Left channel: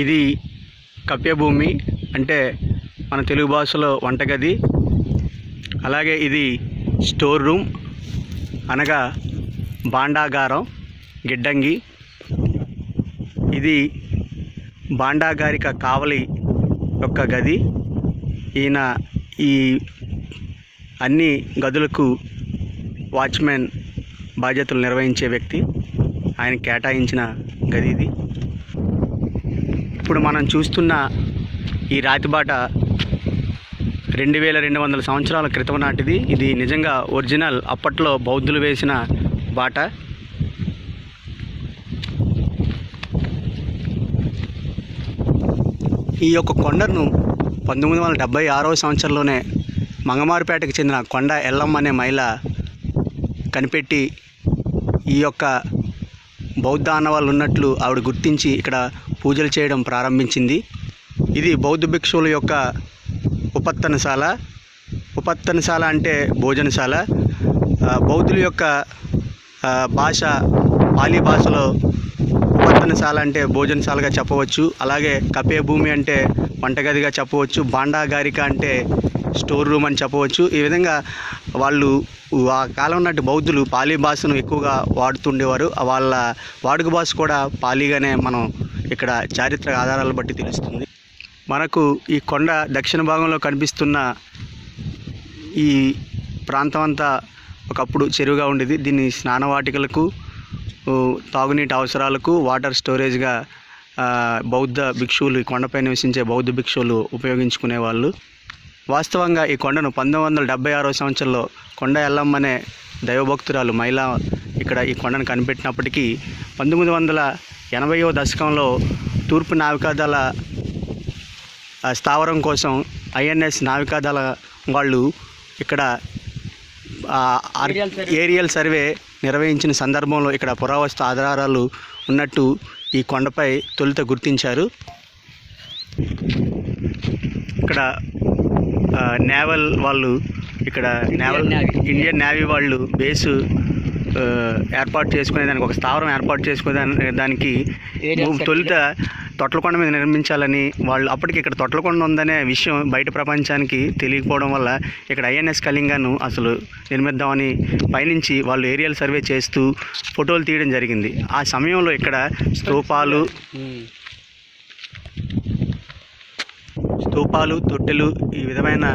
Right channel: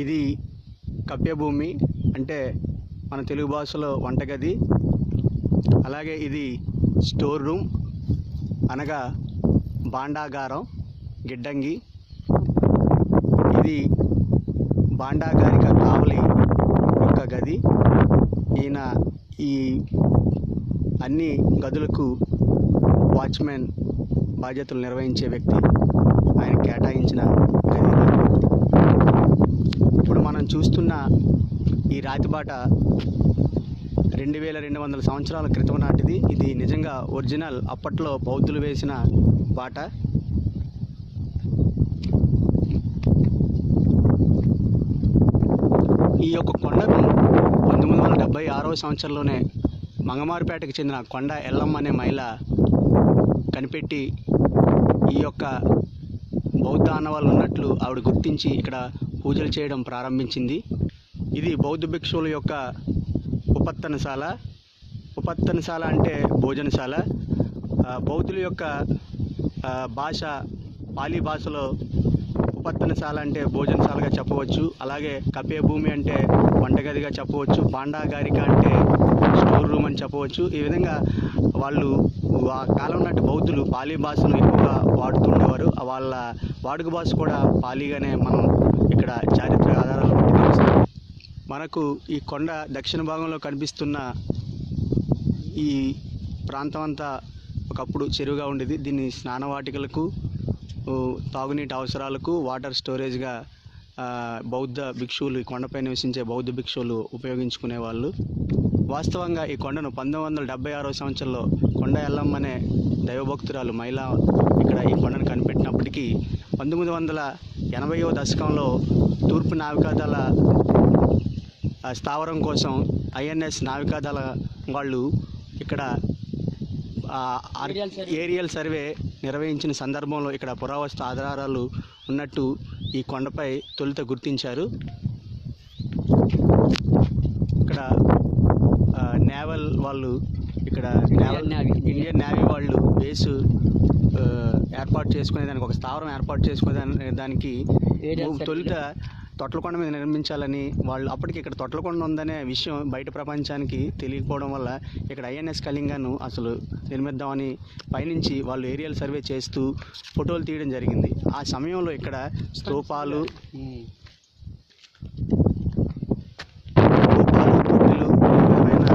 ఇది కప్పే భూమి అంటే మన తెలుగు భాషలో వంటగది. అలాగే ఇది స్టోర్ రూమ్ అనగా భాండాగారం, గిడ్డంగి. ఇది భాండాగారిక కావలి యొక్క గది. ఈయన ఈ అన్ని గదులకు వాచ్మెన్ బాధ్యతలు నిర్వహించే వ్యక్తి. ఆయన కేటాయించిన గది ఇది. ఇప్పుడు మనం చూస్తున్న ఈ రాతిబాట 2200 సంవత్సరాల క్రితం నాటిది. ఇది నిజంగా ఒరిజినల్, అప్పట్లో బౌద్ధులు వేసిన బాట. ఈ యొక్క కొండను 1976వ సంవత్సరంలోనే మంగమారుపేటకు చెందిన కొండ ఎల్లమ్మ అనే మహిళ కనిపెట్టి ఈ యొక్క బౌద్ధ ఆనవాళ్ళు ఉన్నట్లు ఆవిడ గుర్తించి ఇక్కడ పూజలు చేయడం ప్రారంభించింది. ఇది బౌద్ధ భిక్షువుల యొక్క ఉపత్తనశాల. ఉపత్తనశాల అంటే భోజనశాల. బౌద్ధుల యొక్క భాష పాలీ భాషలో ఉపత్తనశాల అంటే భోజనశాలగా చెప్పవచ్చు. అలాగే కపే భూమి అంటే వంటగదిగా చెప్పవచ్చు. భాండాగారిక అంటే స్టోర్ రూమ్ అని చెప్పవచ్చు. ఈ విధంగా వాళ్ళు ఆ కాలం నాటి బౌద్ధులు పాలీ భాషను ఎక్కువగా వాడుతుండేవారు. వాళ్ళ వాడుక భాష కూడా పాలీగానే మనం ఇక్కడ చారిత్రక ఆధారాలు బట్టి తెలుస్తుంది. మనకు ఈ కొండ దక్షిణ భాగంలో కనిపిస్తున్న ఈ ప్రాంతం అంతా ఒకప్పుడు చెరువుగా ఉండేది. దీన్ని స్నానవాటికలకు, తాగునీటి అవసరాలకు, వాటర్ స్టోరేజ్గా బౌద్ధ భిక్షువులు, ఈ కొండపై నివసించే బౌద్ధ భిక్షువులు ఉపయోగించుకునేవాళ్ళు. వాస్తవంగా ఈ కొండను 1976వ సంవత్సరంలో కొండ ఎల్లమ్మ అనే దైవభక్తురాలు మహిళ ఇక్కడ ఈ కొండను కనిపెట్టినప్పటికీ 1980వ దశకంలో తూర్పు నావికాదళ స్థావరం కోసం ఐఎన్ఎస్ నావికాదళ వాళ్ళు ఇక్కడ ఏరియల్ సర్వే నిర్వహించిన సందర్భంలో ఇక్కడ పురావస్తు ఆధారాలు ఉన్నట్టు ఈ కొండపై తొలుత గుర్తించారు. ఇక్కడ నేవల్ వాళ్ళు, ఇక్కడ ఇండియన్ నేవీ వాళ్ళు బేసు ఏర్పాటు చేసుకునేదానికి, ఒక స్థావరం ఏర్పాటు చేసుకునేదానికి తొలుత తొట్లకొండ మీద నిర్మించాలని వాళ్ళు, అప్పటికి ఇక్కడ తొట్లకొండ ఉందనే విషయం బయట ప్రపంచానికి తెలియకపోవడం వల్ల ఇక్కడ ఐఎన్ఎస్ కళింగను అసలు నిర్మిద్దామని పైనుంచి వాళ్ళు ఏరియల్ సర్వే చేస్తూ ఫోటోలు తీయడం జరిగింది. ఆ సమయంలో ఇక్కడ స్తూపాలు, తొట్టెలు, ఈ విధమైన